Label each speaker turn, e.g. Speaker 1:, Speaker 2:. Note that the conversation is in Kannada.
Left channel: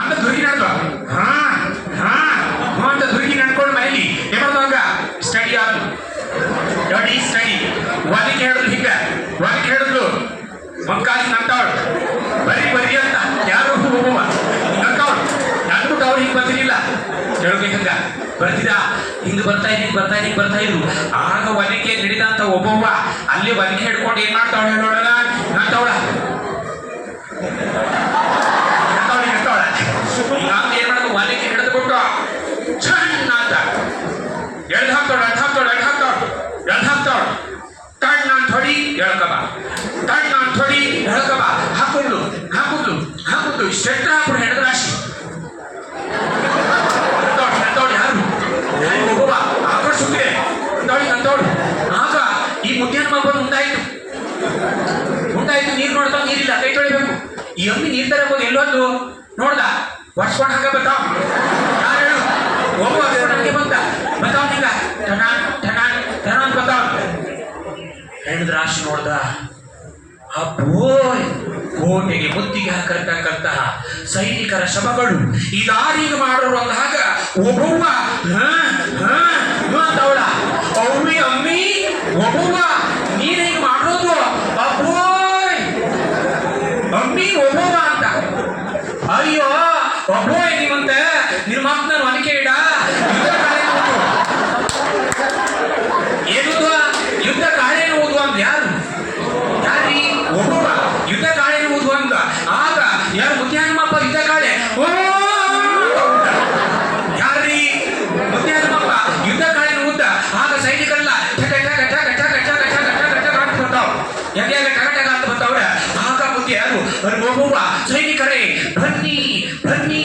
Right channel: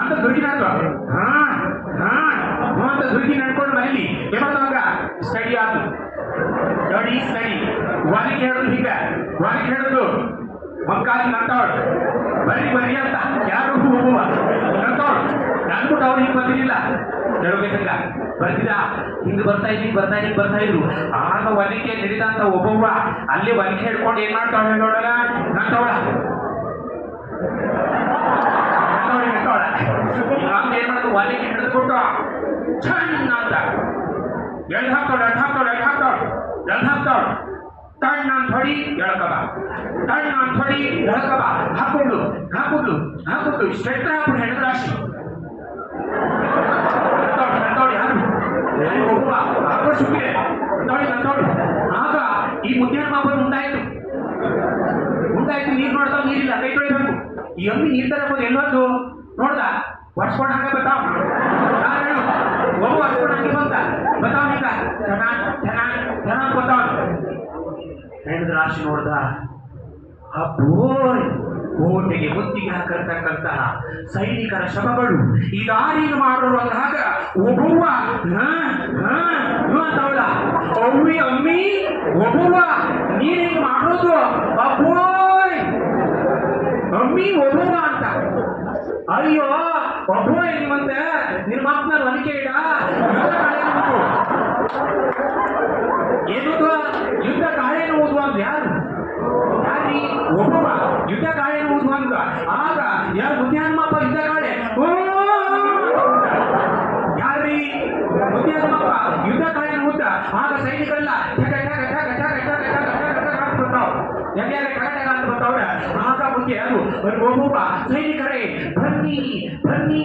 Speaker 1: ಅಂತ ದುರ್ಗಿ ನಡ್ಕೊ. ಹಾ ಹಾ. ಅಂತ ದುರ್ಗಿ ನಡ್ಕೊಂಡು ಮೈಲಿ. ಏಮಾಡ್ದವಾಗ ಸ್ಟಡಿ ಆತು ಸ್ಟಡಿ ಸ್ಟಡಿ ವಾಲಿಗೆ ಹೇಳಿದ್ರು ಹಿಂಗ. ವಾಲಿಗೆ ಹೇಳಿದ್ರು ಮಕ್ಕಾಲಿ ನಂತಾವಳು. ಬರೀ ಬರೀ ಅಂತ. ಯಾರು ಹೋಗುವ? ನಂತಾವಳು. ಅಂದ್ಬಿಟ್ಟು ಅವ್ರು ಹಿಂಗೆ ಬಂದಿರಲಿಲ್ಲ. ಹೇಳ್ಬೇಕಂಗ ಬರ್ತಿದ ಹಿಂಗ್ ಬರ್ತಾ ಹಿಂಗ್ ಬರ್ತಾ ಇದ್ ಬರ್ತಾ ಇದ್ರು. ಆಗ ಒಲಿಕೆ ನಡೆದಂತ ಒಬ್ಬವ್ವ, ಅಲ್ಲಿ ಒಲಿಕೆ ಹಿಡ್ಕೊಂಡು ಏನ್ ಮಾಡ್ತಾವಳ ಹೇಳೋಣ ನಂತವಳ. ಎಡ್ ಹಾಕ್ತಾಳು ಎಡ್ ಹಾಕ್ತಾಳು ಎಡ್ ಹಾಕ್ತಾಳು ಎಡ್ ಹಾಕ್ತಾಳು ತಣ್ಣ ಅಂತ ಹೊಡಿ ಎಳ್ಕಬ ತಣ್ಣ ಅಂತ ಹೊಡಿ ಎಳ್ಕಬ ಹಾಕುಡ್ಲು ಹಾಕುಡ್ಲು ಹಾಕುಡ್ಲು ಶೆಟ್ಟ ಹಾಕುಡು ಹೆಣ್ಣು ರಾಶಿ ಅಂತವಳು ಯಾರು ಒಬ್ಬ ಆಕಳು ಸುತ್ತಿದೆ ಆಗ ಈ ಮುದ್ದೆ ಮಗಳು ಮುಂದಾಯ್ತು ಮುಂದಾಯ್ತು ನೀರು ನೋಡ್ತಾವ ನೀರಿಲ್ಲ ಕೈ ತೊಳಿಬೇಕು ಈ ಅಮ್ಮಿ ನೀರು ತರಬೋದು ಎಲ್ಲೊಂದು ನೋಡ್ದ ವರ್ಷ ಕೊಟ್ಟು ಹಾಗೆ ಬರ್ತಾವ ಒಬ್ಬ ವರ್ಷ ಕೊಟ್ಟು ಹಾಗೆ ಠಣ ಠಣ ಠಣ ಅಂತ ಹೆಣ್ದ ರಾಶಿ ನೋಡ್ದ, ಅಬ್ಬೋ, ಕೋಟೆಗೆ ಮುತ್ತಿಗೆ ಹಾಕತಕ್ಕಂತಹ ಸೈನಿಕರ ಶಬಗಳು ಇದಾರಿಗೆ ಹಾ ಒಬ್ಬವ್ವ ತವಳ ಅವ್ವಿ ಅಮ್ಮಿ ಒಬ್ಬವ್ವ ನೀನೇಗೆ ಮಾಡೋದು ಅಬ್ಬೋಯ್ ಅಮ್ಮಿ ಒಬ್ಬವ್ವ ಅಂತ. ಅಯ್ಯೋ ಒಬ್ಬೋ ನಿಮ್ಮಂತೆ? ಯಾರು ಮುತ್ಯಾನಮ್ಮಪ್ಪ ಇದ್ದ ಕಾಳೆ ಓ ಯಾರೀ ಮುತ್ಯಾನಮ್ಮಪ್ಪ ಯುದ್ಧ ಕಾಳಿನ ಉದ್ದ ಆಗ ಸೈನಿಕರೆಲ್ಲ ಠಕ ಠಕ ಠಕ ಠಕ ಠಕ ಠಕ ಠಕ ಠಕ ಅಂತ ಬರ್ತಾವ ಯಾಕೆ ಯಾಕೆ ಠಕ ಠಕ ಅಂತ ಬರ್ತಾವ್ರೆ ಆಗ ಮುಖ್ಯ ಯಾರು ಸೈನಿಕರೇ ಬನ್ನಿ ಬನ್ನಿ